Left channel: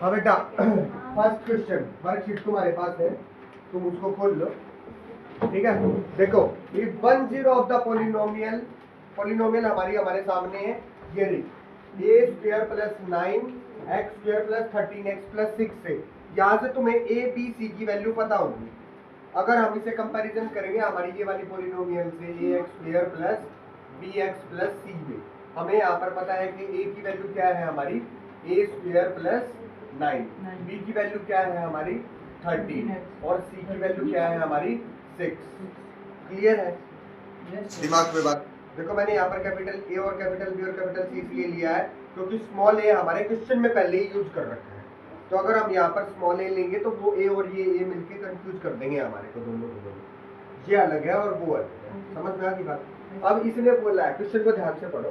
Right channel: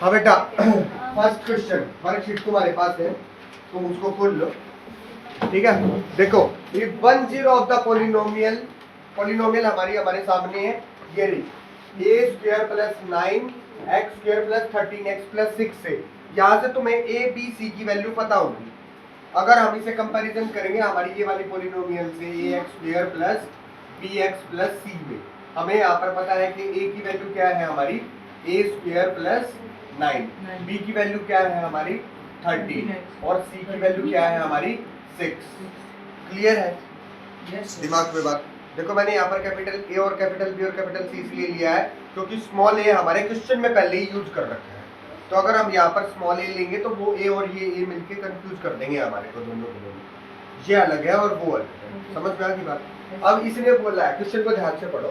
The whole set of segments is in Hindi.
हाँ बेटा, फर्स्ट क्वेश्चन वर्कशीट तुम्हारे पास है, तुम उसको खोल लो। ठीक है, देखो इफ 1 0 ऑफ द पॉलिनोमियल हमारे सामने है, ये रही A square plus 9 x square plus 13 x plus 6 से। यहाँ से तुम्हें ए बी सी की वैल्यू पता होगी। अगर हम इसे कंपैरिजन करेंगे हमारी ये वाली पॉलिनोमियल से A x square plus B x plus C में, हमें यहाँ पर पता है कि ए की वैल्यू क्या है हमारी ए स्क्वायर प्लस 9, बी की वैल्यू क्या है हमारी 13 और सी की वैल्यू क्या है हमारी 6। क्लियर है? दिमाग में बात देखो, मैंने यहाँ पर कैपिटल ए और कैपिटल बी और कैपिटल सी इसलिए लिया है क्योंकि स्मॉल ए हमारे क्वेश्चन में पहले ही यूज कर रखे हैं। तो अगर हम यहाँ पर स्मॉल ए लेंगे तो वो ए और ये ए मिलके कंफ्यूज कर देंगे हमारे को, दोनों को दोनों। ये अलग है और वो अलग है। समझ में आ गई बात? अब इसने बोला है, क्वेश्चन को ध्यान से पढ़ो।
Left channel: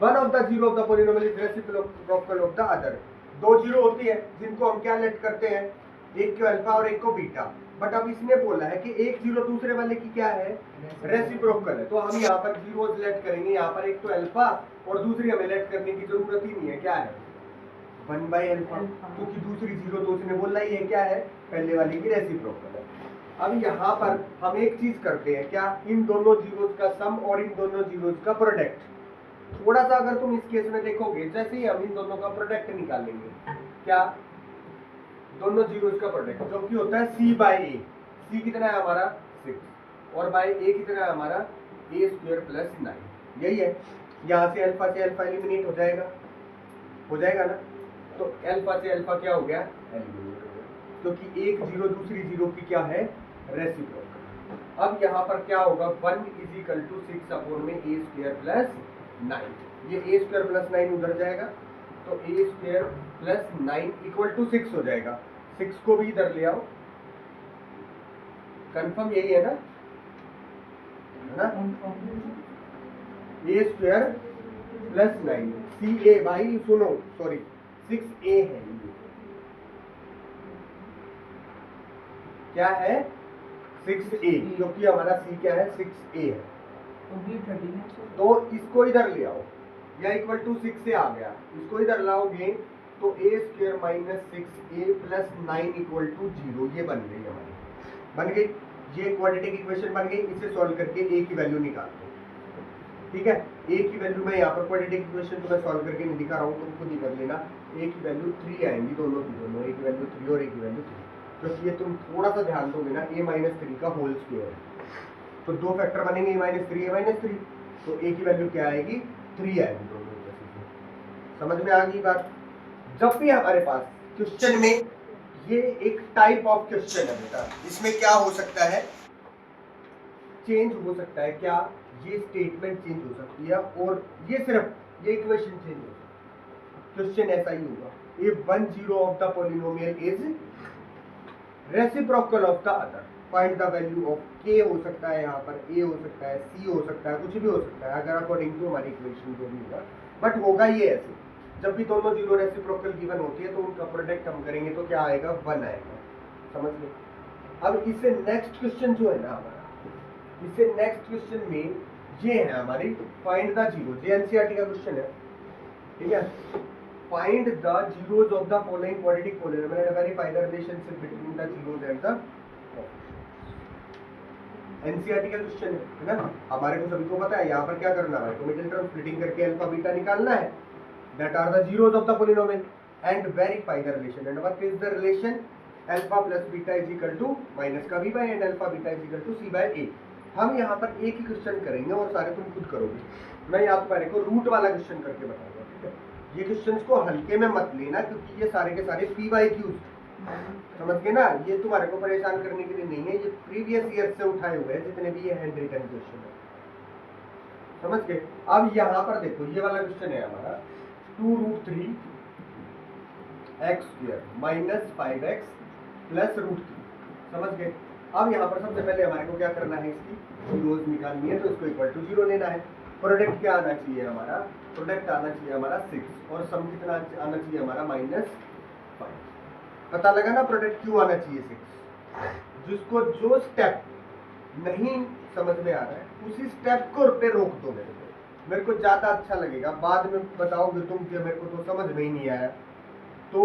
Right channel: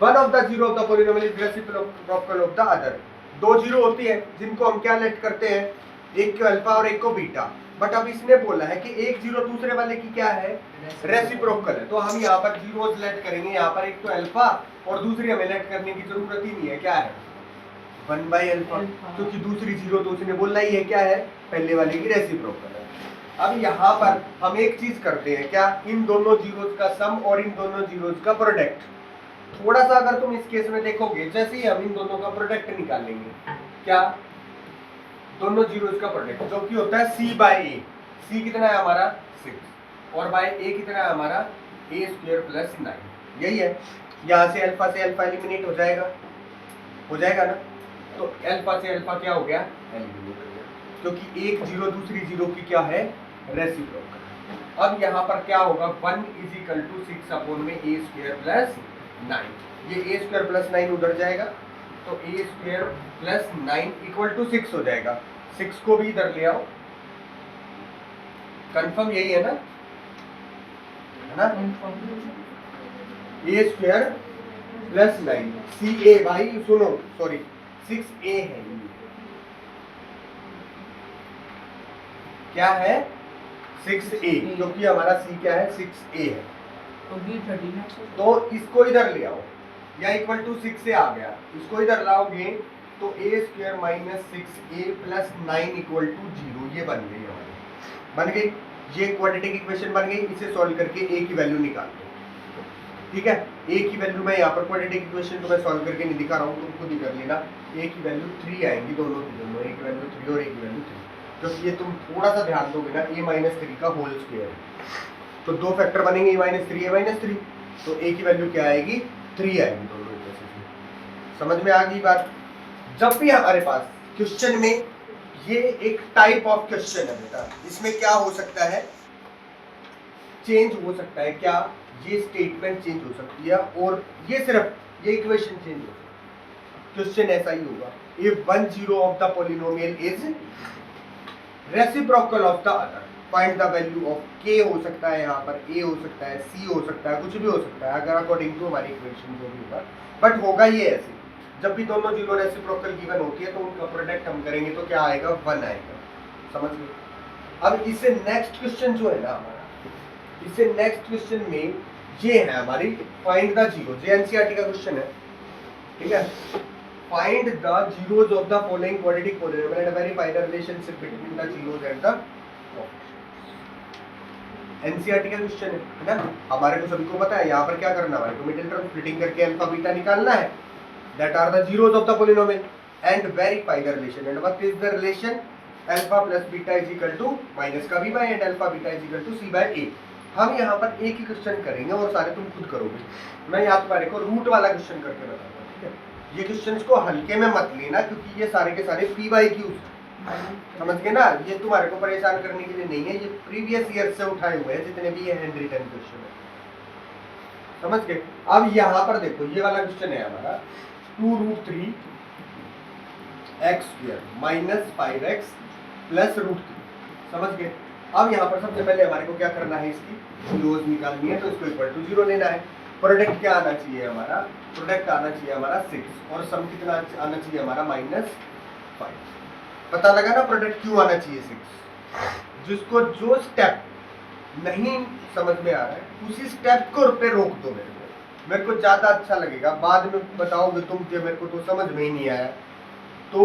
One of the zero of the polynomial is reciprocal of the other. दो जीरो होती है जिनको हम क्या लेट करते हैं, एक को अल्फा और एक को बीटा। बट अब इसने बोला है कि एक जीरो दूसरे वाले की क्या है, रेसिप्रोकल है। तो हम यहाँ पर जीरो लेट करेंगे, यहाँ पर एक तो अल्फा और दूसरी हमें लेट करने की जरूरत ही नहीं है। क्या है 1/अल्फा, क्योंकि दूसरी जीरो तो उसने बोलना ही है क्या है, पहले वाले की रेसिप्रोकल है। अब यहाँ पर हम एक चीज करते हैं, क्या, इन दोनों जीरोस का सम और इन दोनों जीरोस का प्रोडक्ट। थोड़ा सा अगर तुम इस केस में देखोगे, जैसे ही हम इन दोनों का प्रोडक्ट निकालेंगे, क्या, दोनों जीरोस का प्रोडक्ट जो कि होता है सी बाय ए। सी कितना है हमारा 6 और बाय ए कितना है हमारा ए स्क्वायर प्लस 9। यही है, यहाँ से अल्फा एलिमिनेट हो जाएगा ना। तो अल्फा से अल्फा क्या हो गया, एलिमिनेट हो गया, क्योंकि एक जीरो दूसरी जीरो की क्या है, रेसिप्रोकल। अब यहाँ पर क्या होगा, 1 = 6 अपॉन में ए स्क्वायर प्लस 9। ये ए स्क्वायर प्लस 9 उधर जाएगा तो ए स्क्वायर प्लस 9 = 6 हो जाएगा। 6 को भी इधर ले आओ, कंफर्म यही है ना, ए स्क्वायर प्लस 9 सी ए, भाई सुनो, सॉरी 6a है ये, क्या है 6a, क्योंकि हमारा c क्या है 6a है। तो इसको इधर ले आओ, या =6 से आ गया, इसको इधर लाओगे तो a square minus 6a plus 9 = 0। ये बन गई हमारी, बन गई, ये क्वाड्रेटिक इक्वेशन बन गई। इसे सॉल्व करके a की वैल्यू निकाल दो। ठीक है, a की वैल्यू मैं यहाँ पर क्वाड्रेटिक इक्वेशन को मैं सॉल्व करके नहीं दिखा रहा हूँ, तुम खुद ही कर लेना। a की वैल्यू 3 आएंगी, दोनों की दोनों, a की वैल्यू 3 और a की वैल्यू 3, क्योंकि ये तुम थोड़ा सा ध्यान दोगे ना, a-3 का होल स्क्वायर है, तो दो फैक्टर बनेंगे a-3 तो a की वैल्यू क्या आएगी, 3 आएगी दोनों इक्वेशन में। समझ में आ गई बात? जब भी हमारे पास क्वेश्चन में, ये एक टाइप ऑफ क्वेश्चन है बेटा, इसमें क्या हो सकता है, चेंज हो सकता है, क्या, ये स्टेटमेंट चेंज हो सकती है और ये सिर्फ ये इक्वेशन चेंज हो सकती है। क्वेश्चन ऐसा ही होगा, if 1 0 of the polynomial is reciprocal of the other, find the value of k। हो सकता है यहाँ पर a हो सकता है, c हो सकता है, कुछ भी हो सकता है, अगर अकॉर्डिंग टू हमारी इक्वेशन जो भी होगा। बट होगा ये ऐसे, जब भी दोनों जीरो रेसिप्रोकल गिवन होती है तो उनका प्रोडक्ट हम करेंगे तो क्या आएगा, 1 आएगा। समझ गए? अब इससे नेक्स्ट क्वेश्चन जो है ना हमारा, इससे नेक्स्ट क्वेश्चन में ये है हमारी फाइंड द जीरो, ये एनसीईआरटी का क्वेश्चन है। ठीक है, find the zeros of the following quadratic polynomial and verify the relationship between the zeros and the NCERT का क्वेश्चन है ना। हमारे को सभी को पता है यहाँ पर क्या करना है, हमारे को मिडिल टर्म स्प्लिटिंग करके अल्फा बीटा निकालना है, that are the zeros of the polynomial and verify the relation. And what is the relation, alpha plus beta is equal to minus का b by and alpha beta is equal to c by a। हम यहाँ पर एक ही क्वेश्चन करेंगे और सारे तुम खुद करोगे, मैं यहाँ तुम्हारे को रूट वाला क्वेश्चन करके बताऊंगा। ठीक है, ये क्वेश्चंस को हल्के में मत लेना, क्योंकि ये सारे के सारे p बाय q, समझ गए ना, ये तुम्हारे को परेशान करने के लिए नहीं है, ये प्रीवियस ईयर से उठाए हुए हैं जितने भी ये हैंड रिटन क्वेश्चन है। समझ गए? अब यहाँ पर देखो, ये वाला क्वेश्चन है हमारा 2√3 x² माइनस 5x प्लस √3। समझ गए? अब यहाँ पर सबसे पहले हमारे को क्या करना है, इसकी जीरोस निकालनी है, तो इसको इक्वल टू 0 लेना है। प्रोडक्ट क्या आना चाहिए हमारा, प्रोडक्ट आना चाहिए हमारा 6 और सम कितना आना चाहिए हमारा -5। पता लगा ना प्रोडक्ट क्यों आना चाहिए 6। जिसको जो स्टेप नहीं समझ में आ रहा है उसी स्टेप को पे रोक दो, मेरे को ज्यादा अच्छा लगेगा। बाद में बताओगे तुम कि मेरे को तो समझ में ही नहीं आया, तो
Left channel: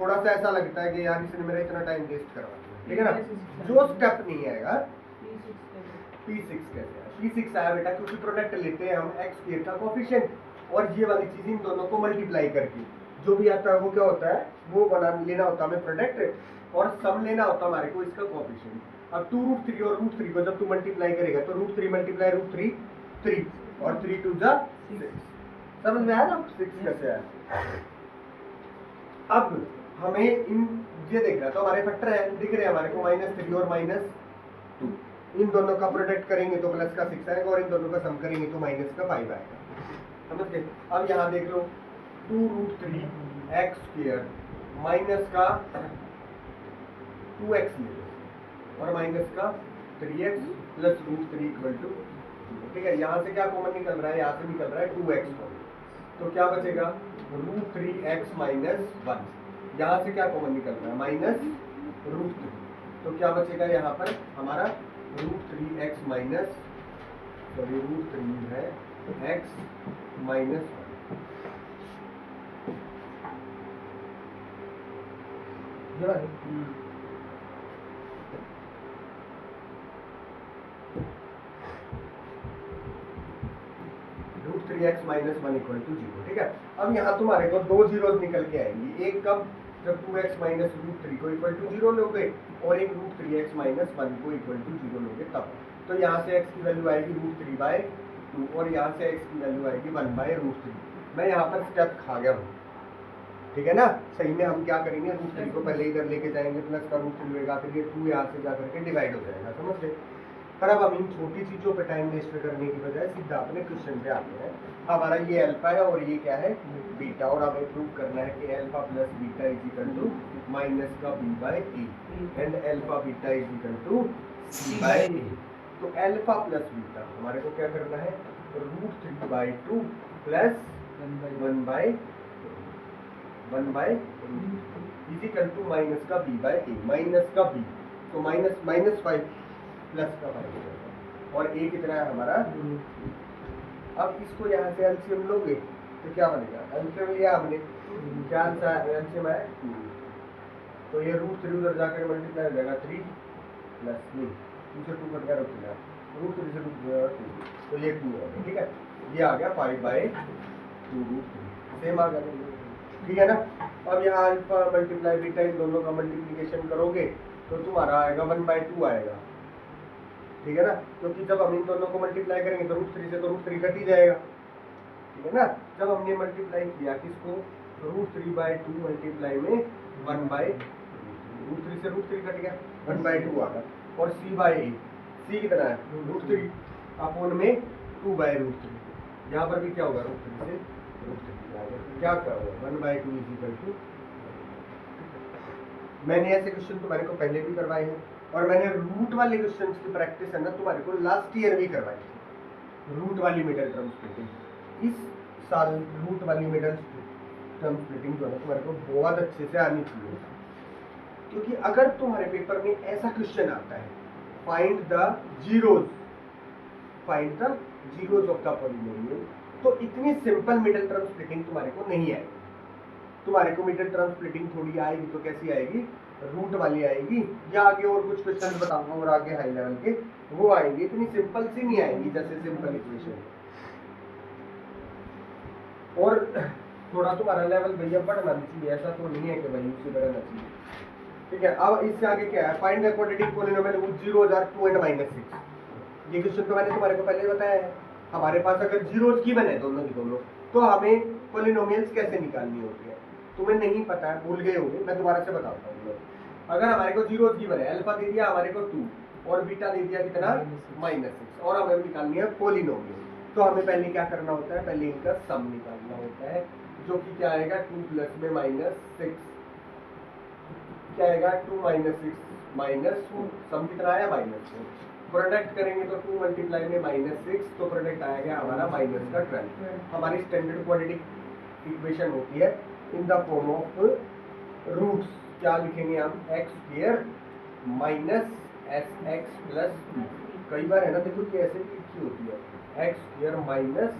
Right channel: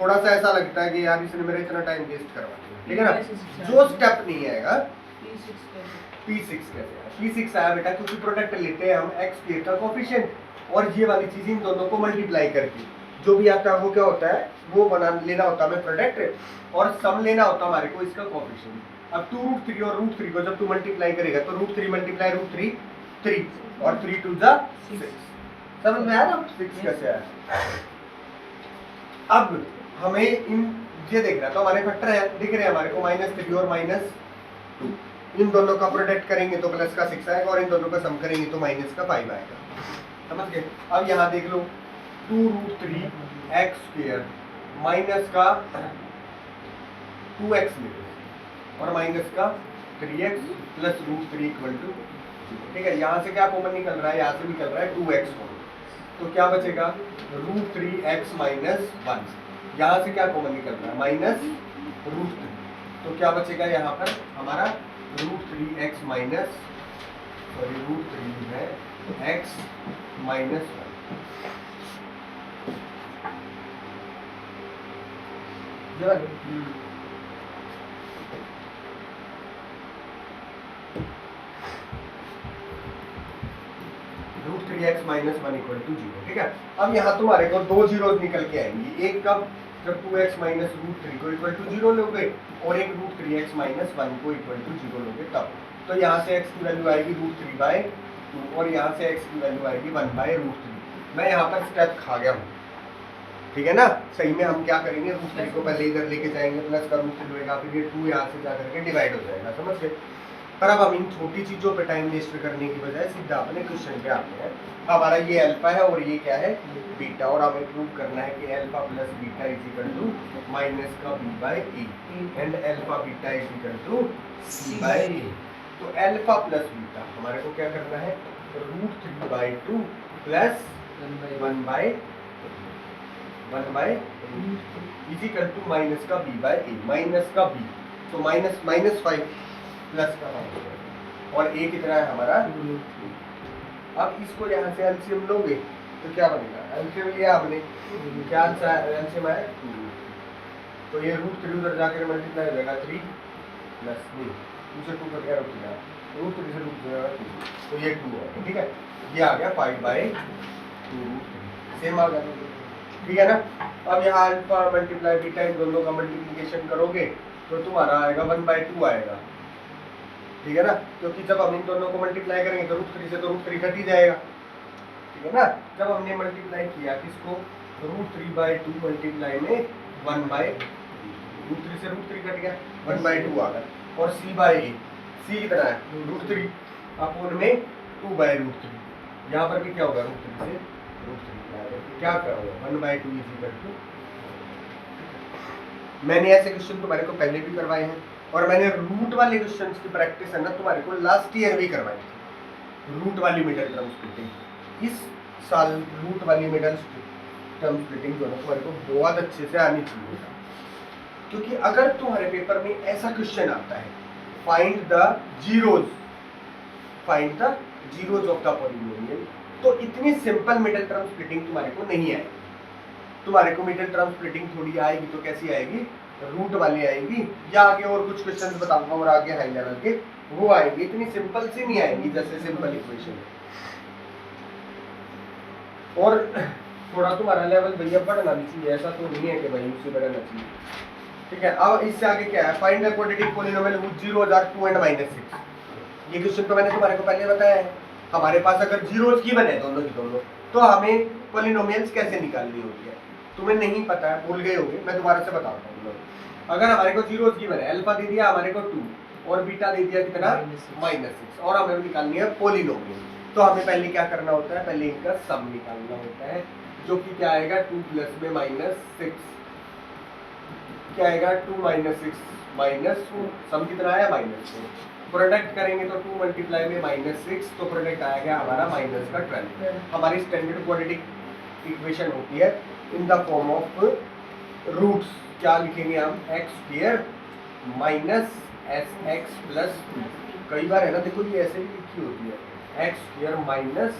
थोड़ा सा ऐसा लगता है कि यार इसने मेरा इतना टाइम वेस्ट करवा दिया, ठीक है ना। जो स्टेप नहीं आएगा P6 कैसे आया, P6 आया बेटा क्योंकि प्रोडक्ट लेते हैं हम x स्क्वायर का कोफिशिएंट और ये वाली चीज इन दोनों को मल्टीप्लाई करके जो भी आता है वो क्या होता है, वो बना लेना होता है हमें प्रोडक्ट और सम लेना होता है हमारे को इसका कोफिशिएंट। अब 2√3 और √3 को जब तू मल्टीप्लाई करेगा तो √3 मल्टीप्लाई √3 3 और 3 2 जा 6। समझ में आया ना 6 कैसे आया। अब हमें इन ये देखना तो हमारे फैक्टर है दिख रहे हैं हमारे को -3 और -2, इन दोनों का प्रोडक्ट करेंगे तो प्लस का 6 आएगा और इन दोनों का सम करेंगे तो माइनस का 5 आएगा। समझ गए। अब यहाँ देख लो 2√3 x स्क्वायर माइनस का 2x और माइनस का 3x प्लस √3 इक्वल टू 0। ठीक है, यहाँ से क्या कॉमन निकल रहा है, यहाँ से निकल रहा है 2x कॉमन, तो क्या बचेगा √3x माइनस 1। यहाँ से क्या कॉमन निकल रहा है -√3, तो क्या बचेगा यहाँ पर हमारा √3x माइनस √3 है x minus 1। √3x minus 1 equal to 0। ठीक है, अब यहाँ तुम्हारे को दो जीरोज निकल के आएंगी, एक कब जब 2x माइनस √3 को इक्वल टू 0 लोगे और एक √3x माइनस 1 को इक्वल टू 0 लोगे तब। तो यहाँ से x की वैल्यू आएगी √3/2 और यहाँ से x की वैल्यू आएगी 1/√3। मैं यहाँ पर स्टेप खा गया हूँ, ठीक है ना। सही में हम क्या करेंगे, √3 को पहले इधर लेके जाएंगे, प्लस का √3 होगा, फिर ये 2 यहाँ से जा करके डिवाइड हो जाएगा, समझ गए। पर अब हम इन छोटी चीजों पे टाइम वेस्ट करने की बजाय सीधा अपने क्वेश्चन पे आते हैं। हमारा ये अल्फा है और ये क्या है बीटा, और हमें प्रूव करना है कि alpha plus beta is equal to minus का b/a and alpha beta is equal to c/a। तो अल्फा प्लस बीटा हमारे को क्या करना है, √3/2 plus 1/1 is equal to minus का b/a, माइनस का b, तो -5 प्लस का 5 और a कितना है हमारा। अब इसको यहाँ से एलसीएम लोगे तो क्या बनेगा, एलसीएम लिया हमने, क्या आंसर एलसीएम आया 2, तो ये √3 उधर जाकर मल्टीप्लाई हो जाएगा 3 प्लस 2 से 2 कट गया √3 से √2 तो ये 2 है। ठीक है, ये आ गया 5/2 सेम आ गया, ठीक है ना। अब यहाँ अल्फा मल्टीप्लाई बीटा इन दोनों का मल्टीप्लिकेशन करोगे तो तुम्हारा आएगा 1/2 आएगा, ठीक है ना, क्योंकि जब हम इन दोनों को मल्टीप्लाई करेंगे तो √3 से तो √3 घट ही जाएगा, ठीक है ना। जब हमने मल्टीप्लाई किया किसको, √3/2 मल्टीप्लाई में 1/2, √3 से √3 घट गया 1/2 आ गया, और c/a, c कितना है √3 अपॉन में 2/√3, यहाँ पर भी क्या होगा √3 से √3 क्या होगा 1/2 इज इक्वल टू। मैंने ऐसे क्वेश्चन तुम्हारे को पहले भी करवाए हैं और मैंने रूट वाले क्वेश्चंस की प्रैक्टिस है ना तुम्हारे को लास्ट ईयर भी करवाई थी, रूट वाली मिडल टर्म स्प्लिटिंग। इस साल रूट वाली मिडल टर्म स्प्लिटिंग जो है तुम्हारे को बहुत अच्छे से आनी चाहिए, क्योंकि अगर तुम्हारे पेपर में ऐसा क्वेश्चन आता है find the zeros of the polynomial, तो इतनी सिंपल मिडल टर्म स्प्लिटिंग तुम्हारे को नहीं आएगी। तुम्हारे को मिडल टर्म स्प्लिटिंग थोड़ी आएगी तो कैसी आएगी, रूट वाली आएगी, या आगे और कुछ क्वेश्चन बताऊंगा और आगे हाई लेवल के वो आएंगे, इतनी सिंपल सी नहीं आएगी जैसे सिंपल इक्वेशन। और थोड़ा तुम्हारा लेवल भैया बढ़ना भी चाहिए, ऐसा तो नहीं है कि भाई उससे बढ़ना चाहिए, ठीक है। अब इससे आगे क्या है, find the quadratic polynomial which zeros are 2 and -6। ये क्वेश्चन तो मैंने तुम्हारे को पहले बताया है। हमारे पास अगर जीरोज की बने दोनों तो हमें पॉलिनोमियल्स कैसे निकालनी होती है, तुम्हें नहीं पता है, भूल गए होगे, मैं दोबारा से बताता हूँ। अगर हमारे को जीरोज की बने, अल्फा दे दिया हमारे को 2 और बीटा दे दिया कितना -6 और हमें निकालनी है पॉलिनोमियल, तो हमें पहले क्या करना होता है, पहले इनका सम निकालना होता है, जो कि क्या आएगा 2 प्लस में -6 क्या आएगा 2 - 6 -2, सम कितना आया -4, प्रोडक्ट करेंगे तो 2 मल्टीप्लाई में -6 तो प्रोडक्ट आएगा हमारा -12। हमारी स्टैंडर्ड क्वाड्रेटिक इक्वेशन होती है in the form of roots, क्या लिखेंगे हम x² माइनस sx प्लस 2। कई बार है ना, देखो ये ऐसे भी लिखी होती है x² minus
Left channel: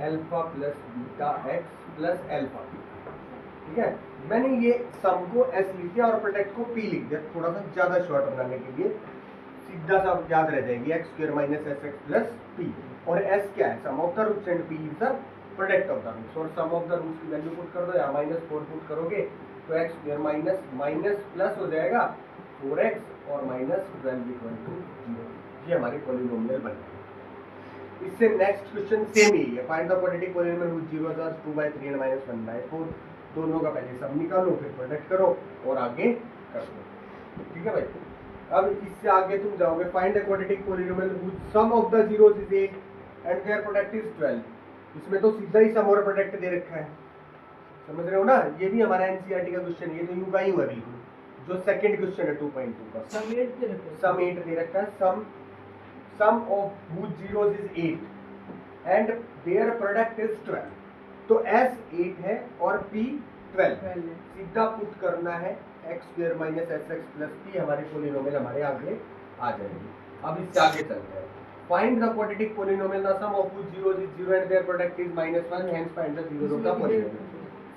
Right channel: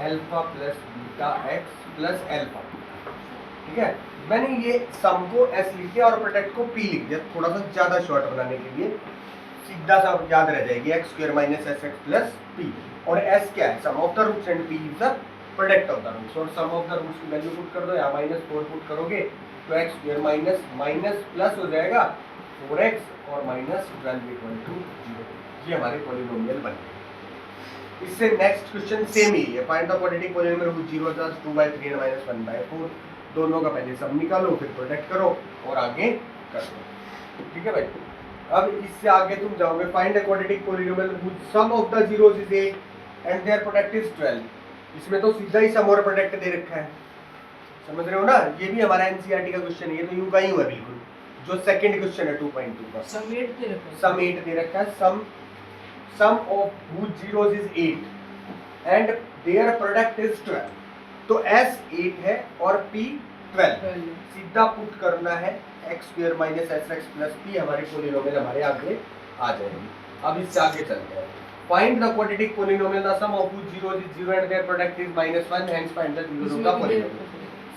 alpha plus beta x plus alpha, ठीक है, मैंने ये सम को s लिख दिया और प्रोडक्ट को p लिख दिया, थोड़ा सा ज्यादा शॉर्ट बनाने के लिए, सीधा सा याद रह जाएगी x square minus sx plus p। और s क्या है, sum of the roots and p is the product of the roots. और सम ऑफ द रूट्स की वैल्यू पुट कर दो, यहाँ -4 पुट करोगे तो x square minus minus plus हो जाएगा 4x और -12 इक्वल टू 0। ये हमारे पॉलिनोमियल बन गए। इससे नेक्स्ट क्वेश्चन सेम ही है, find the quadratic polynomial whose 0 + 2/3 - 1/4। दोनों का पहले सम निकालो, फिर प्रोडक्ट करो और आगे कर दो। ठीक है भाई, अब इससे आगे तुम जाओगे, find the quadratic polynomial whose sum of the zeros is 8 and their product is 12। इसमें तो सीधा ही सम और प्रोडक्ट दे रखा है, समझ रहे हो ना। ये भी हमारा एनसीईआरटी का क्वेश्चन है, ये तो यूं का ही हुआ बिल्कुल, जो सेकंड क्वेश्चन है 2.2 का। सम 8 दे रखा है, sum of whose zeros is 8 and their product is 12। तो s 8 है और p 12, सीधा पुट करना है x square minus sx plus p, हमारे पॉलिनोमियल हमारे आगे आ जाएंगे। अब इससे आगे चलते हैं, find the quadratic polynomial the sum of whose zeros is 0 and their product is -1, hence find the zeros of the polynomial।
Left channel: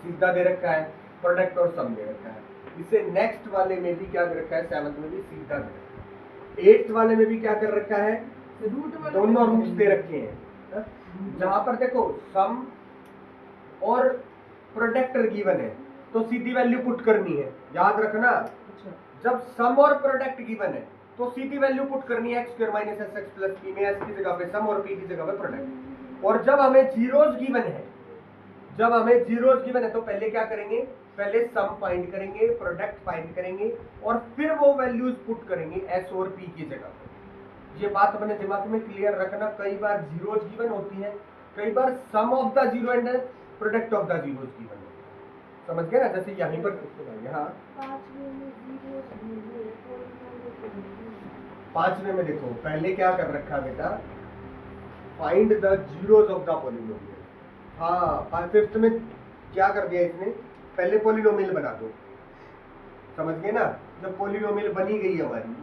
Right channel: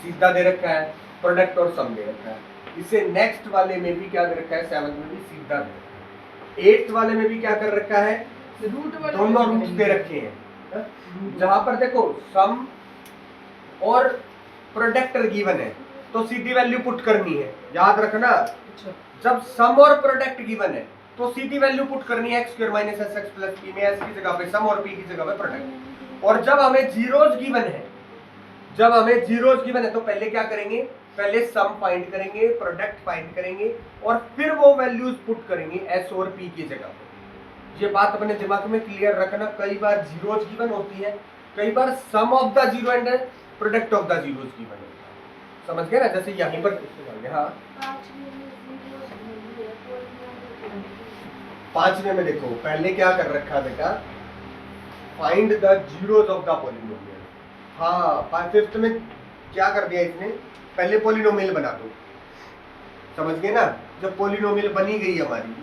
सीधा दे रखा है, प्रोडक्ट और सम दे रखा है। इससे नेक्स्ट वाले में भी क्या दे रखा है, 7 में भी सीधा दे रखा है। 8th वाले में भी क्या कर रखा है, दोनों रूट्स दे रखे हैं, जहां पर देखो सम और प्रोडक्ट गिवन है तो सीधी वैल्यू पुट करनी है, याद रखना। जब सम और प्रोडक्ट गिवन है तो सीधी वैल्यू पुट करनी है x square minus sx plus p में, s की जगह पे सम और p की जगह पे प्रोडक्ट। और जब हमें जीरोस गिवन है तो पहले क्या करेंगे, पहले सम फाइंड करेंगे, प्रोडक्ट फाइंड करेंगे और फिर वो वैल्यूज पुट करेंगे s और p की जगह पे। ये बात अपने दिमाग में क्लियर रखना, कई बार जीरोस गिवन होती है, कई बार sum of the zero and product of the zeros given होता है, समझ गए ना। जैसे यहीं पर हाँ 5वें में देखो, पहले क्या कर रखा है बेटा, find the zeros of the polynomial. हाँ 5th में क्या कर दिया इसने, पहले पॉलिनोमियल बना दो, समझ गए ना। जब पॉलिनोमियल बनी गई हमारी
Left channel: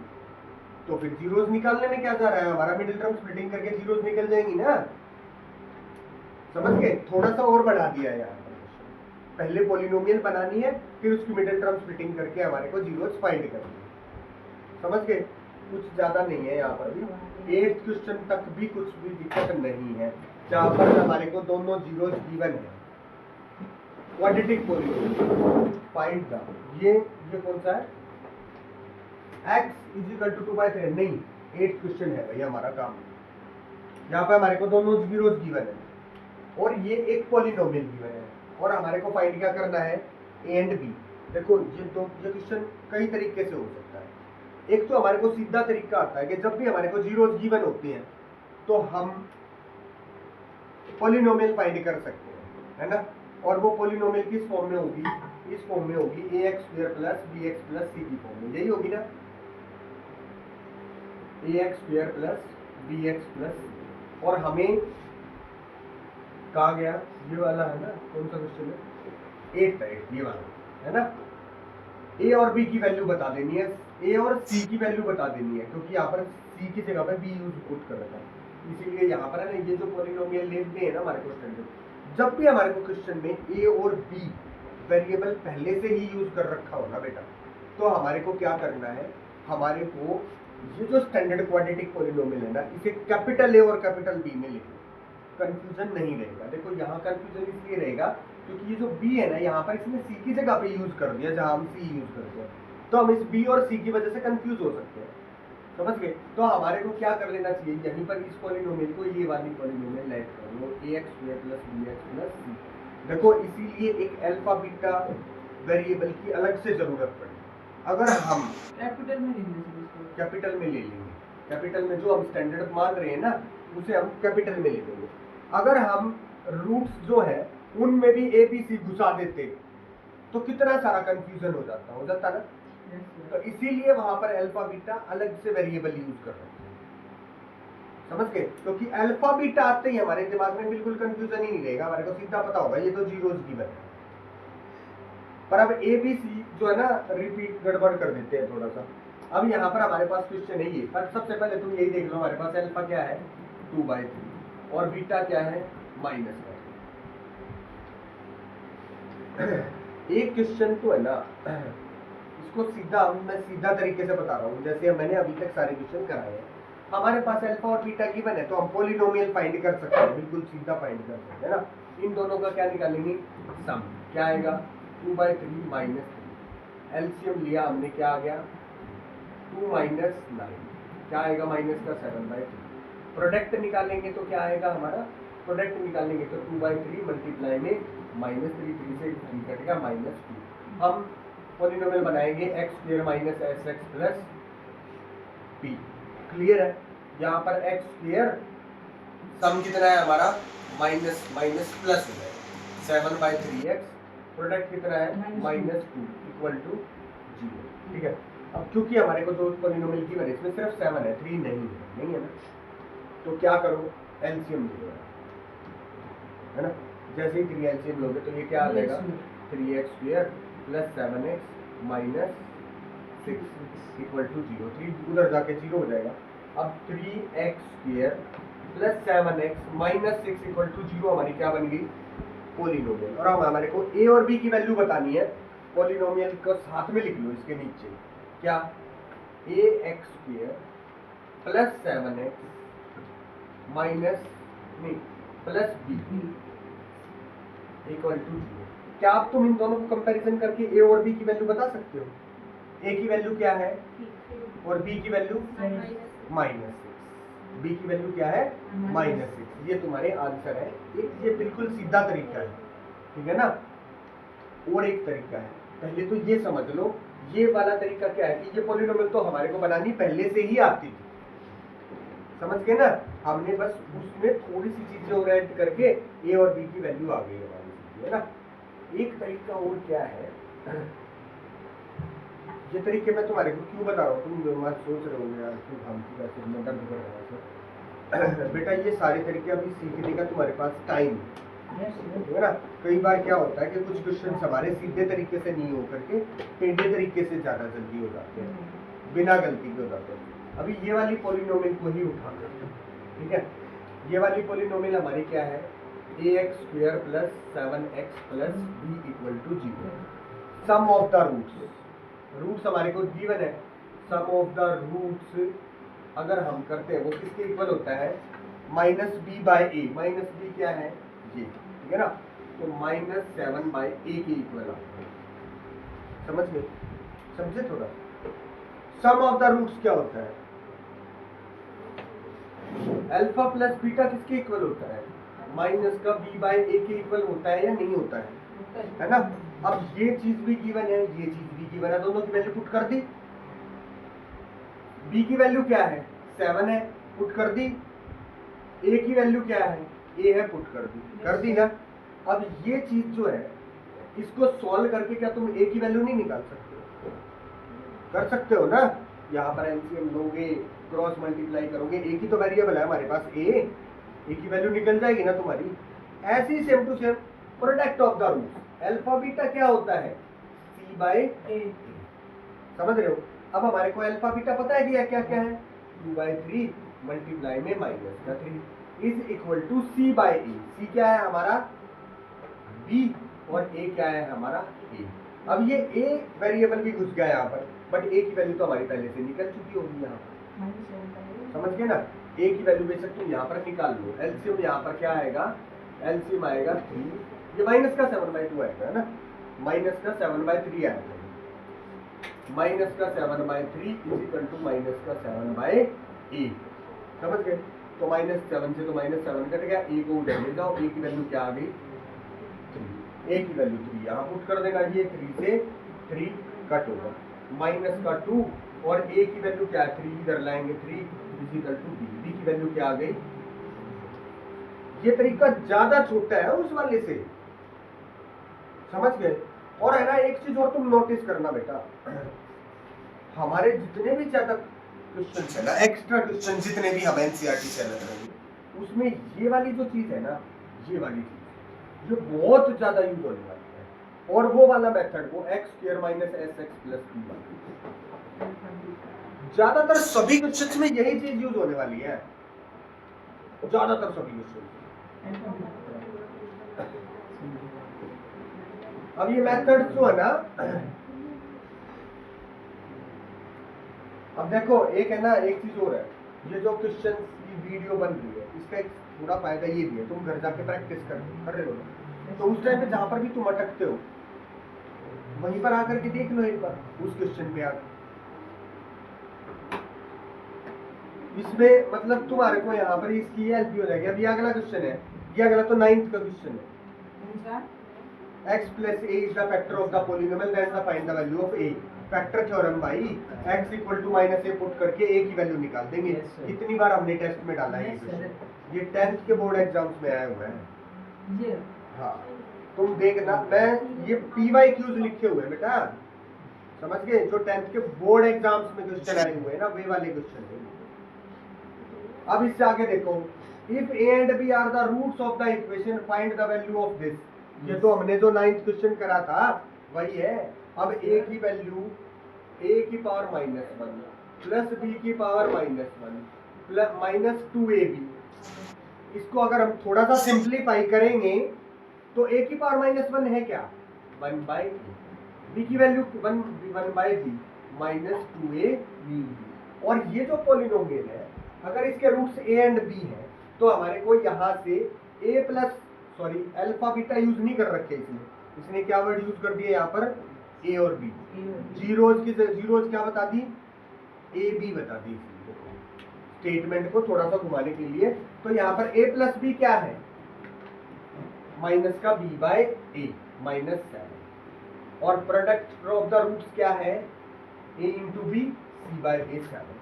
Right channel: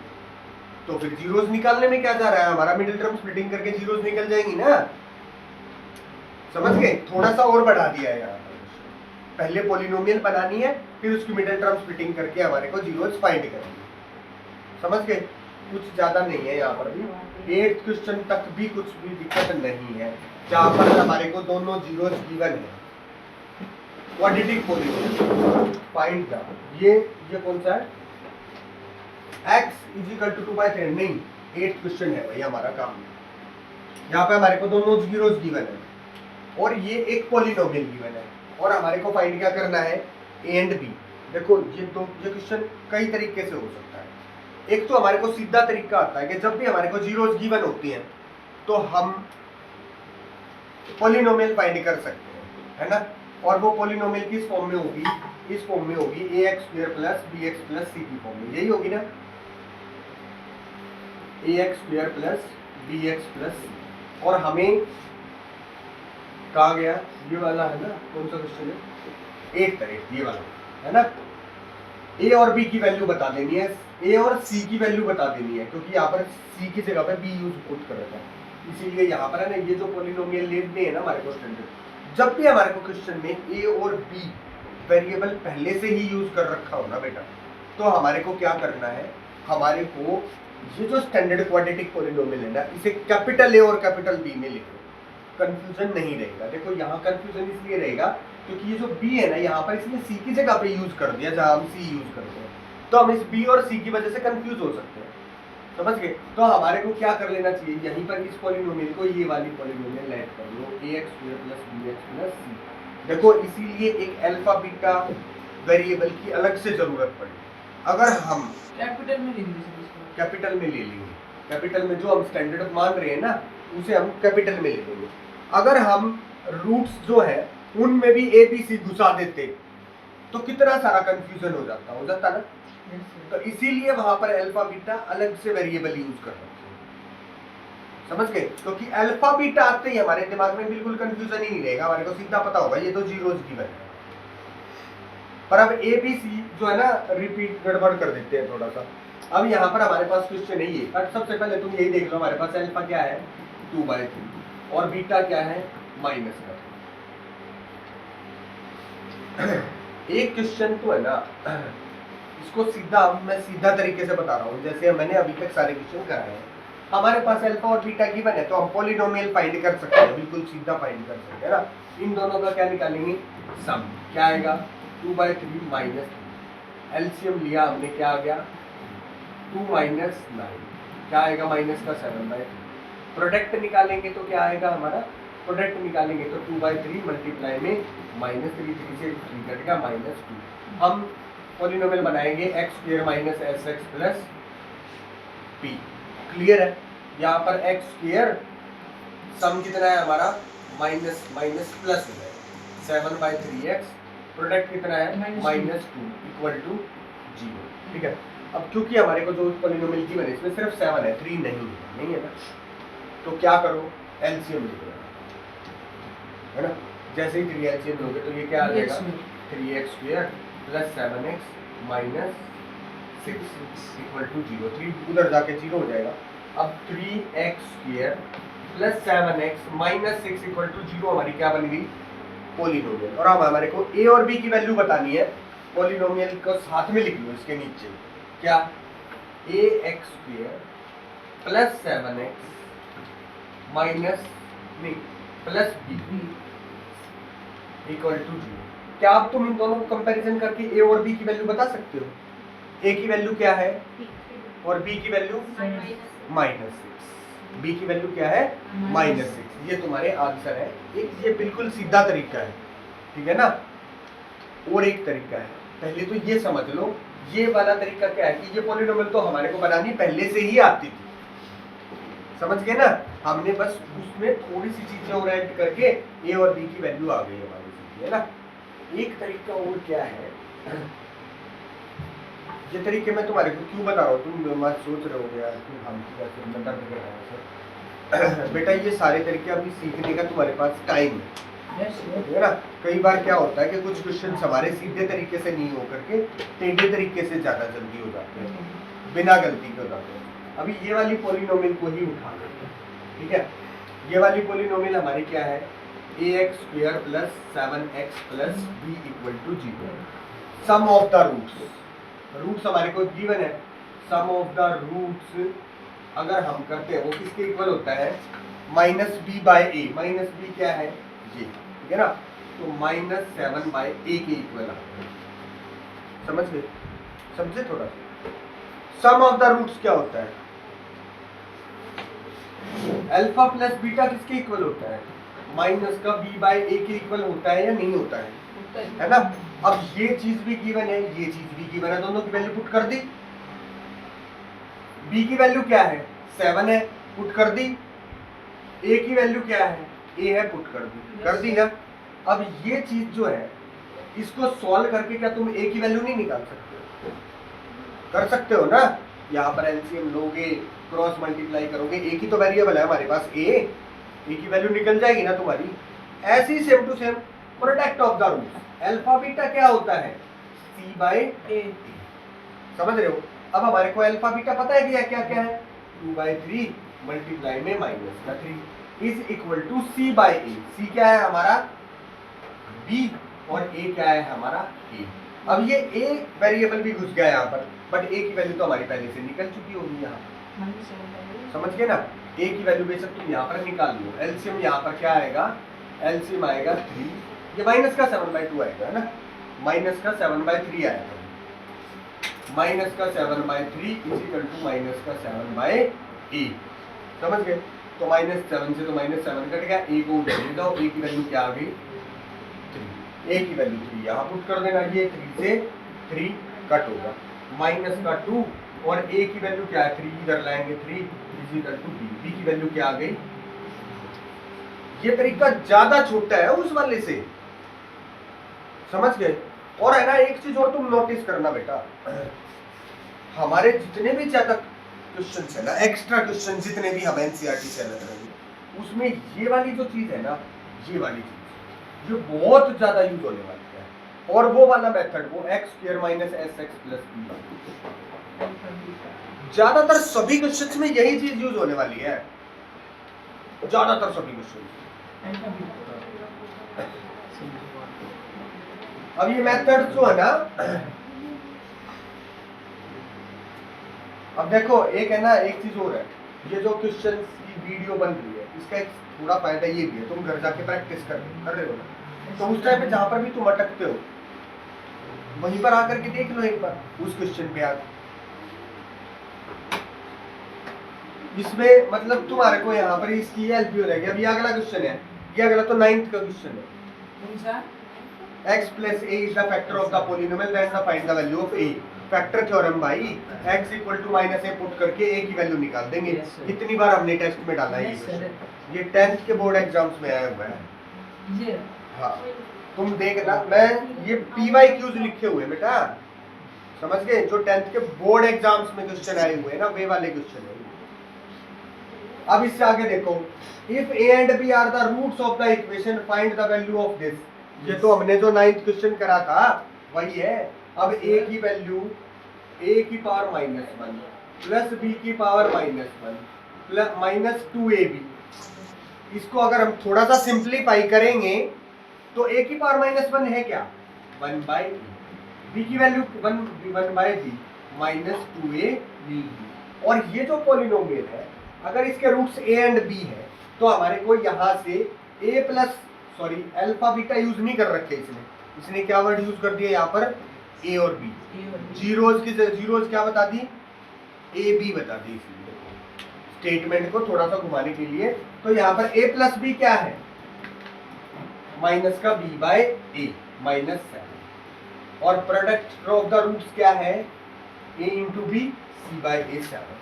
तो फिर जीरोस निकालने में क्या जा रहा है, हमारा मिडिल टर्म स्प्लिटिंग करके जीरोस निकल जाएंगी ना, समझ गए। थोड़ा सा और बढ़ा दिया है यहाँ पर, पहले पॉलिनोमियल बनानी है फिर उसकी मिडिल टर्म स्प्लिटिंग करके हमारे को जीरोस फाइंड करनी है, समझ गए। कुछ ज्यादा नहीं है यहाँ पर भी, 8th क्वेश्चन तक भी कुछ भी दिक्कत नहीं है, जहाँ पर हमारे को दोनों जीरोस गिवन है। क्वाड्रेटिक पॉलिनोमियल फाइंड द, ये कौन सा है, x = 2/3 नहीं, 8th क्वेश्चन है भाई हमारा काम। यहाँ पे हमारे को दोनों जीरोस गिवन है और ये एक पॉलिनोमियल गिवन है और हमारे को फाइंड क्या करना है, a एंड b। देखो ये क्वेश्चन कई तरीके से हो सकता है। एक तो हमारे को सीधा तरीका आता है कि जब भी हमारे को जीरोस गिवन होती हैं तो हम पॉलिनोमियल फाइंड कर सकते हैं, है ना। और वो पॉलिनोमियल किस फॉर्म में होगी, इस फॉर्म में होगी, ax square plus bx plus c की फॉर्म में, यही होगी ना, ax square plus bx plus. और हमें कहा गया ये वाला है ना, कौन सा क्वेश्चन है, 8th ये वाला है ना। a और b की वैल्यू बता देनी है, a और c की वैल्यू बता देनी है, क्योंकि यहाँ पर c की जगह पर b यूज पुट कर रखा है, इसीलिए यहाँ पर है ना, ये जो पॉलिनोमियल लेते हैं ना हमारे को स्टैंडर्ड, जब भी हमारे को क्वेश्चन में a और b वेरिएबल पहले से ही यूज कर रखा हो ना बेटा, तो हमारे को क्या करना है, हमारे को ये जो स्टैंडर्ड क्वाड्रेटिक पॉलिनोमियल है ना, इसे कैपिटल A और कैपिटल B में लिखो, कंफ्यूजन नहीं रहेगा। देखो यहाँ कंफ्यूजन इसलिए रहेगा क्योंकि ये जो B है ना, यहाँ पर इसने C की जगह पे यूज कर दिया, जहाँ हम C यूज करते हैं, तो हम इस B और C की वजह से कंफ्यूज हो सकते हैं, समझ गए। तो हमारे को क्या कर लेना चाहिए, यहीं पर इस पॉलिनोमियल को ये वाली पॉलिनोमियल ऐड कर लो, ax square plus bx plus c। देखो इसीलिए एक अल्फा बीटा वेरिएबल की अलग से जरूरत पड़ी, अगर हम कैपिटल में ले लेंगे, कैपिटल में जो हम स्टैंडर्ड मान रहे हैं ना उसे हम कैपिटल में ले लेंगे। अगर हम रूट्स जो है उनमें भी a b c घुसा देते तो कितना सारा कंफ्यूजन हो जाता ना। तो इसीलिए वहां पर अल्फा बीटा अलग से वेरिएबल यूज कर रहे हैं, समझ गए। क्योंकि अल्फा बीटा आते ही हमारे दिमाग में बिल्कुल कंफ्यूजन ही नहीं रहेगा, हमारे को सीधा पता होगा ये तो जीरोस गिवन है। पर अब ए बी सी जो है ना रिपीट गड़बड़ कर देते हैं थोड़ा सा। अब यहाँ पर हमारे पास क्वेश्चन है ये, पर सबसे पहले तुम यही देख लो, हमारे पास अल्फा क्या है 2/3 और बीटा क्या है -1। एक क्वेश्चन तो है ना, इसको मैं सीधा तरीके से बता रहा हूँ, जैसे मैंने अभी तक सारे क्वेश्चन कराए हैं। हमारे पास अल्फा और थीटा गिवन है, तो हम पॉलिनोमियल फाइंड कर सकते हैं, बिल्कुल सीधा फाइंड कर सकते हैं ना। इन दोनों का क्या निकालेंगे, सम। क्या आएगा, 2/3 माइनस 3। एलसीएम लिया हमने, क्या आ गया 2 माइनस 9, क्या आएगा माइनस का 7/3। प्रोडक्ट निकालेंगे तो क्या आएगा हमारा, प्रोडक्ट निकालेंगे तो 2/3 मल्टीप्लाई में -3, 3 से 3 कटेगा -2। हम पॉलिनोमियल बनाएंगे x² minus sx plus p। Clear है, यहाँ पर x² सम कितना है हमारा, माइनस माइनस प्लस हो जाएगा 7/3x, प्रोडक्ट कितना है -2 इक्वल टू 0। ठीक है, अब क्योंकि हमारे को जो पॉलिनोमियल की बने इसमें सिर्फ 7 है, 3 नहीं है ना, तो क्या करो, एलसीएम लो, है ना। जैसे ही 3 एलसीएम लोगे तो ये क्या आ जाएगा, 3x² plus 7x minus 6 equal to 0। 3 उधर जाके 0 हो जाएगा। अब 3x² plus 7x minus 6 equal to 0 हमारी क्या बन गई, पॉलिनोमियल। और अब हमारे को a और b की वैल्यू बतानी है, पॉलिनोमियल को साथ में लिख लो इसके नीचे, क्या ax² प्लस 7x माइनस नहीं प्लस b इक्वल टू 0। क्या आप तुम इन दोनों को कंपैरिजन करके a और b की वैल्यू बता सकते हो। a की वैल्यू क्या है और b की वैल्यू -6, b की वैल्यू क्या है -6। ये तुम्हारे आंसर है। एक ये बिल्कुल सीधा तरीका है, ठीक है ना। और एक तरीका है, पहले तो ये समझ लो, ये वाला तरीका क्या है कि ये पॉलिनोमियल तो हमारे को बनानी पहले से ही आती थी, समझ गए ना। हमने बस उसमें थोड़ी सी चीजें और ऐड करके a और b की वैल्यू आ गई हमारी, है ना। एक तरीका और क्या है, ये तरीके मैं तुम्हारे को क्यों बता रहा हूँ, तुम मत सोच रहे हो यार तुम हम में दर्द कर रहे हैं। बेटा ये सारे तरीके अभी सीखने का तुम्हारे पास टाइम है ना। कई बार क्या होता है कि कुछ क्वेश्चन हमारे सीधे तरीके से नहीं हो करके टेढ़े तरीके से ज्यादा जल्दी हो जाते हैं, बिना गलती के हो जाते हैं। अभी ये वाली पॉलिनोमियल को ही उठा करते हैं, ठीक है। ये वाली पॉलिनोमियल हमारी क्या है, ax² plus 7x plus b equal to 0। Sum of the roots हमारे को गिवन है। सम ऑफ द रूट्स अगर हम करते हैं वो किसके इक्वल होता है, -b/a। -b क्या है ये, ठीक है ना, तो -7/a के इक्वल आता है। समझ गए, समझे थोड़ा। सम ऑफ द रूट्स क्या होता है, अल्फा प्लस बीटा किसके इक्वल होता है, माइनस का b/a के इक्वल होता है या नहीं होता है ना। अब ये चीज भी गिवन है, ये चीज भी गिवन है, दोनों की वैल्यू पुट कर दी। b की वैल्यू क्या है 7 है, पुट कर दी। a की वैल्यू क्या है, a है, पुट कर दी ना। अब ये चीज जो है इसको सॉल्व करके क्या तुम a की वैल्यू नहीं निकाल सकते, कर सकते हो ना। यहाँ पर एलसीएम लोगे, क्रॉस मल्टीप्लाई करोगे, a की तो वेरिएबल है हमारे पास, a की वैल्यू निकल जाएगी ना तुम्हारी। ऐसे ही same to same product of the roots, alpha beta क्या होता है c/a। समझ रहे हो। अब हमारे को अल्फा बीटा पता है कि क्या क्या है, 2/3 मल्टीप्लाई में -3 is equal to c/a। c क्या है हमारा b और a क्या है हमारा a। अब ये a वेरिएबल भी घुस गया यहाँ पर, बट a की वैल्यू तो हमारी पहले से निकल चुकी होगी यहाँ, समझ गए ना। a की वैल्यू बेशक तुम यहाँ पर निकाल लो। एलसीएम यहाँ पर क्या आएगा, एलसीएम आएगा 3, ये माइनस का 7/2 आएगा, है ना। माइनस का 7/3 आएगा, माइनस का 7/3 इक्वल टू माइनस का 7/8। समझ गए। तो -7 से तो -7 कट गया, a को उधर ले जाओ, a की वैल्यू क्या आ गई 3। a की वैल्यू 3 यहाँ पुट कर देना, ये 3 से 3 कट होगा, माइनस का 2 और a की वैल्यू क्या है 3 इधर लाएंगे, 3 इक्वल टू b की वैल्यू क्या आ गई। ये तरीका ज्यादा छोटा है उस वाले से, समझ गए। और है ना एक चीज और तुम नोटिस करना बेटा, हमारे जितने भी ज्यादा क्वेश्चन है ना, एक्स्ट्रा क्वेश्चन जितने भी हम एनसीईआरटी से लग रहे हैं, उसमें ये वाली जो चीज है ना, ये वाली चीज ये बहुत ज्यादा यूज होने वाली है। और वो वाला मेथड, वो x² minus sx plus b, ज्यादातर सभी क्वेश्चंस में यही चीज यूज होने वाली है, ज्यादातर सभी क्वेश्चन। अब ये मेथड जो है ना, अब देखो एक है ना, एक चीज और है, ये जो क्वेश्चन की वीडियो बन रही है इसका एक थोड़ा फायदा ये भी है, तुम घर जाके प्रैक्टिस कर रहे हो ना, तो उस टाइम पे जहां पर भी तुम अटकते हो वहीं पर आकर के देख लो एक बार उस क्वेश्चन पे आकर। इसमें मतलब तुम्हारे को यहाँ पर इसकी हेल्प भी हो जाएगी। अब ये अगला क्वेश्चन है, ये अगला तो 9th का क्वेश्चन है। x plus a is the factor of the polynomial, that's the find the value of a। Factor theorem भाई, x equal to minus a put करके a की वैल्यू निकाल देंगे। कितनी बार हमने टेस्ट में डाला है ये 10th के बोर्ड एग्जाम्स में आया हुआ है। हाँ तुम देखना, मैं ये PYQs लिखे हुए बेटा, समझ गए, जो 10th के बोर्ड एग्जाम्स में क्वेश्चन आए हुए हैं ना वे वाले क्वेश्चन है। अब इससे आगे देखो, if a and b are the roots of the equation find the value of this। ये तो हमने जो 9th क्वेश्चन करा था वही है। अब a की वैल्यू a की पावर -1 प्लस b की पावर -1 प्लस -2ab, इसको अगर हम थोड़ा सा सिंप्लीफाई करेंगे तो a की पावर -1 है क्या, 1/b, b की वैल्यू 1/b -2ab। और ये जो पॉलिनोमियल है अगर इसके रूट्स a एंड b है तो हमारे को यहाँ से a plus sorry alpha beta use नहीं कर रखे इसने क्या वर्ड यूज कर दिया यहाँ पर, a और b। जीरोज की जीरोज क्या बता दी, a b बता दी इसलिए स्टेटमेंट को थोड़ा सा घुमाने के लिए। तो यहाँ पर a प्लस b क्या है, माइनस का b बाय a -7, और प्रोडक्ट ऑफ द रूट्स क्या है, a into b c by a 7।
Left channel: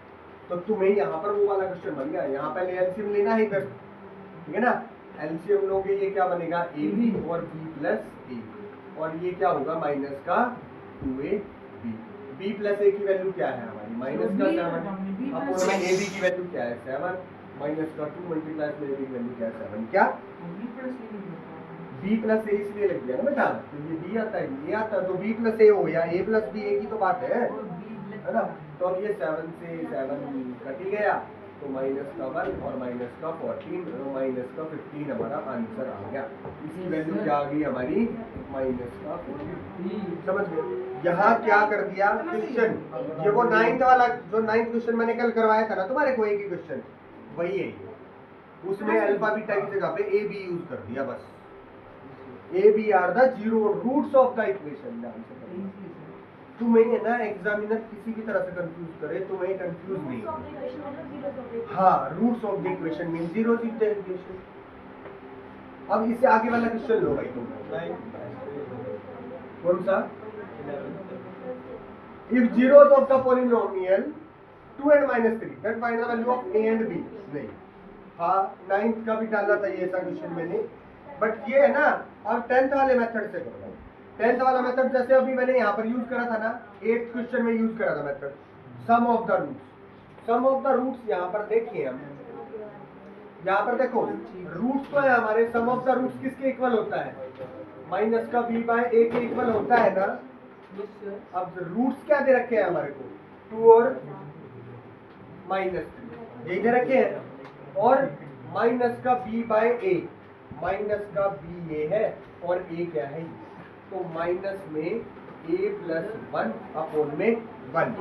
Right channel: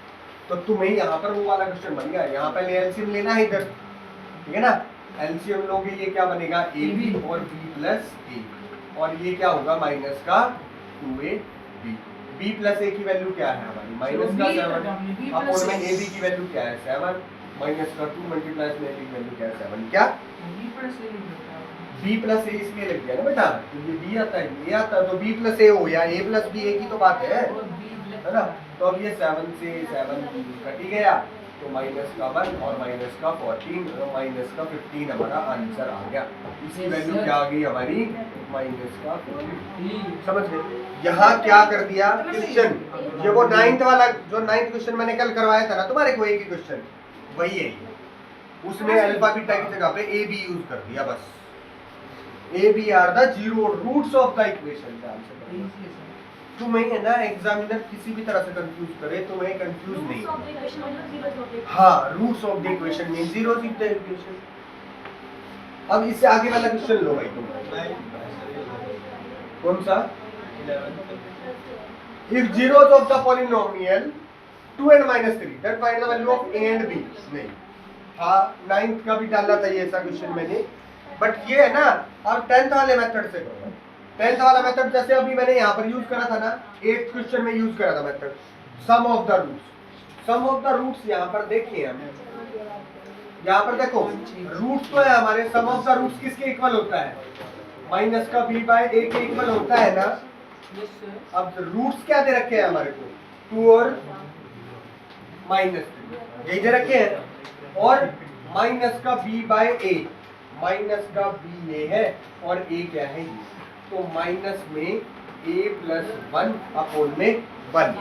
तो तुम्हें यहाँ पर वो वाला क्वेश्चन बन गया। यहाँ पहले एलसीएम लेना है इधर, ठीक है ना, एलसीएम लोगे ये क्या बनेगा, ए बी और बी प्लस ए, और ये क्या होगा माइनस का 2ab। बी प्लस ए की वैल्यू क्या है हमारी, माइनस का 7, अपोन में ए बी की वैल्यू क्या है 7, माइनस का 2 मल्टीप्लाई में ए बी की वैल्यू क्या है 7। क्या बी प्लस ए इसलिए लग गया ना बेटा, तो ये बी आता है ये आता है, तो बी प्लस ए हो या ए प्लस बी, ए की तो बात है ना। तो अब ये 7 से 7 कट ही गया, तो माइनस का 1 और माइनस का 14 और माइनस का 15 हमारा आंसर आ गया। इसकी वैल्यू क्या आ गई हमारी, माइनस का 15। समझ गए। यहाँ क्या कर दिया क्वेश्चन, ये वो 9th वाला जो 9th क्वेश्चन मैंने कल करवाया था ना तुम्हारे को, एक ही क्वेश्चन वही है, उसमें अल्फा बीटा की जगह पे ए बी यूज कर दिया बस। A b are the zero roots of the equation. तुम्हें है ना एग्जामिनर किसी भी तरह से कंफ्यूज करे, तुम्हें कंफ्यूज नहीं, हाँ roots of the equation mean zeros of the equation. अब इससे आगे वाला क्वेश्चन लो भाई तुम, कौन सा, if zeros of the polynomial 2 and -3 then find the value of a and b। नहीं, हाँ 9th का भी डाला था ये ऐसा क्वेश्चन मैंने, बट ये है ना अब 10th वाले मेथड से करो। 10th वाला मेथड जैसे अभी मैंने यहाँ पर यूज करा था ना, 8th क्वेश्चन में यूज करा था method sum of the roots. Sum of the roots यहाँ पर देखिए हम, यहाँ पर देखो रूट्स तो है हमारे, सम ऑफ द रूट्स किसके इक्वल होता है, माइनस का b बाय a के इक्वल होता है ना। अब रूट्स क्या दे रखे हैं हमारे को, 2 और -3 यही दे रखे हैं, और माइनस का b बाय a, माइनस का b ये है और a क्या है ये, तो माइनस में a प्लस 1 अपोन में 1,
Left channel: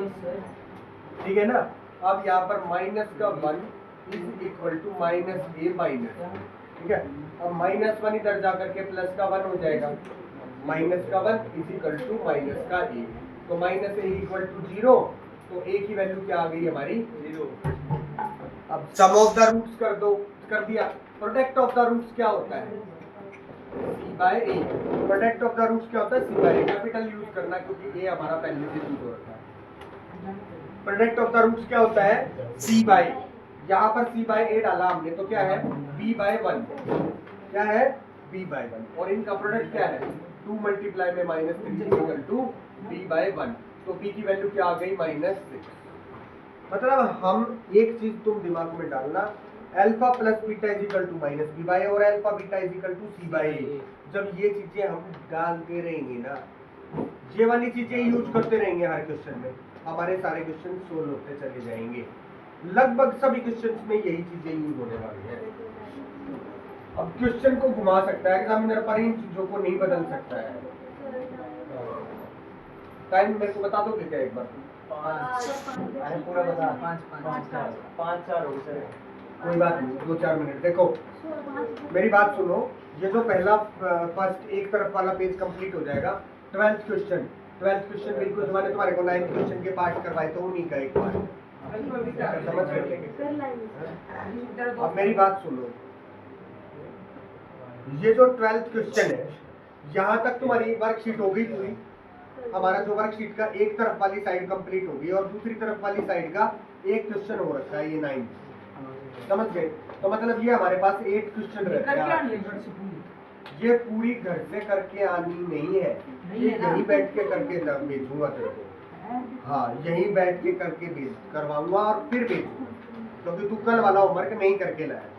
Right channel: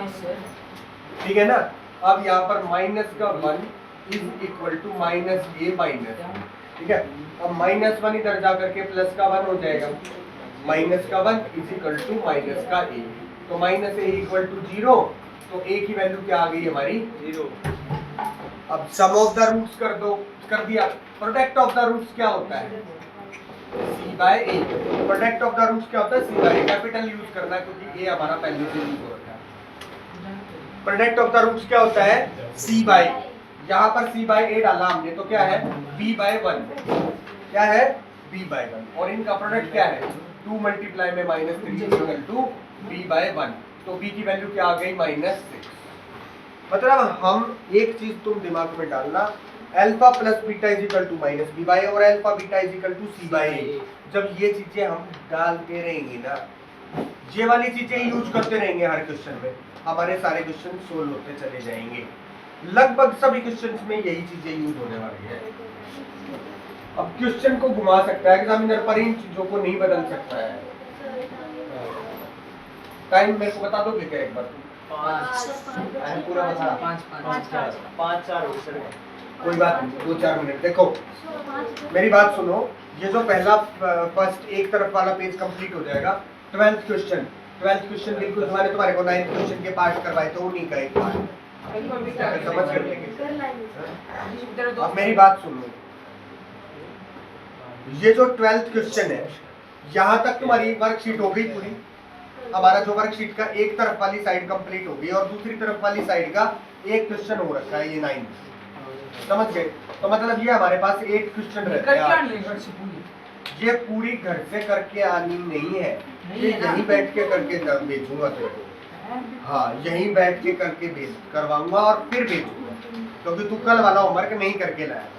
ठीक है ना। अब यहाँ पर माइनस का 1 is equal to minus a minus, ठीक है। अब -1 इधर जाकर के प्लस का 1 हो जाएगा, माइनस का 1 इज इक्वल टू माइनस का a, तो माइनस a इक्वल टू 0, तो a की वैल्यू क्या आ गई हमारी 0। अब सम ऑफ द रूट्स कर दिया। प्रोडक्ट ऑफ द रूट्स क्या होता है, c by a। Product of the roots क्या होता है, c by a, capital use करना क्योंकि a हमारा पहले से यूज हो रहा है। प्रोडक्ट ऑफ द रूट्स क्या होता है, c बाय, यहाँ पर c बाय a डाला हमने तो क्या है b बाय 1, क्या है b बाय 1, और इनका प्रोडक्ट क्या है 2 मल्टीप्लाई में -3 इक्वल टू b बाय 1, तो b की वैल्यू क्या आ गई -6। मतलब हम एक चीज तुम दिमाग में डालना, alpha plus beta is equal to minus B by, और alpha beta is equal to C by A. जब ये चीजें हम डालते रहेंगे ना, ये वाली चीजें यूज करते रहेंगे हर क्वेश्चन में, हमारे सारे क्वेश्चन सोल्व होते चले जाएंगे। लगभग सभी क्वेश्चंस में यही चीजें यूज होने वाली है। अब क्वेश्चन को घुमा सकता है एग्जामिनर, पर इन चीजों को नहीं बदल सकता है। टाइम मेरे को बता दोगे क्या एक बार? अरे पूरा बता। 5-4 हो सर। कोई बात नहीं, 2-4 मिनट। देखो मेरी बात सुनो, ये जो पहला फर्स्ट एक तरफ वाला पेज कंप्लीट हो जाएगा। 12th क्वेश्चन बिल्कुल तुम्हारे को 9th क्वेश्चन के पार्ट करवाए तो उन्हीं का एक पार्ट समझ कर। अब मेरी बात सुनो, ये जो 12th क्वेश्चन है, यहाँ तक तुम्हारी वर्कशीट हो गई पूरी। हमारा जो वर्कशीट का एक तरफ वाली साइड कंप्लीट हो गई और दूसरी तरफ वाली साइड का एक क्वेश्चन हो रखा है, ये 9 समझ गए। तो मतलब ये हमारे पास 8 क्वेश्चन रहते हैं। ये पूरी घर से करके आनी नहीं है, ये यहीं बैठ के करके भेजूंगा तेरे को। हाँ, यहीं बैठ के करके करवाऊंगा और फिर भेजूंगा, क्योंकि तू कल वाला होमवर्क नहीं करके लाया।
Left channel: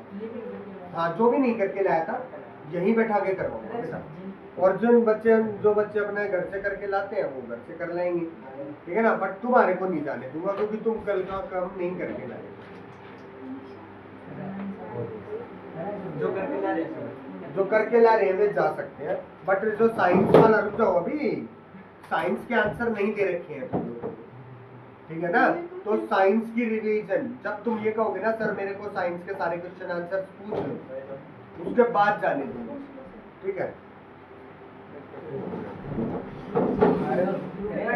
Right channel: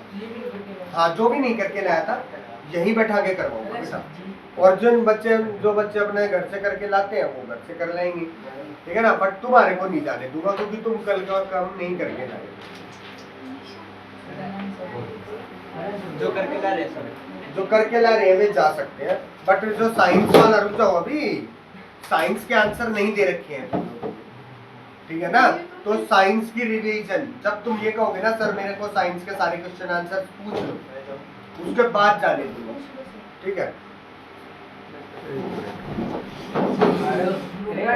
हाँ, जो भी नहीं करके लाया था यहीं बैठा के करवाऊंगा बेटा। और जो बच्चे अपने घर से करके लाते हैं वो घर से कर लेंगे, ठीक है ना। बट तुम्हारे को नहीं जाने दूंगा, क्योंकि तुम कल का काम नहीं करके लाए। जो करके ला रहे हैं सर, जो करके ला रहे हैं वे जा सकते हैं, बट जो साइंस वाला रुक जाओ, अभी साइंस के आंसर नहीं दे रखे हैं तुम लोगों को, ठीक है ना। तो साइंस की रिवीजन, जब तुम ये कहोगे ना सर मेरे को साइंस के सारे क्वेश्चन आंसर पूछ लो, उसके बाद जाने दूंगा, ठीक है।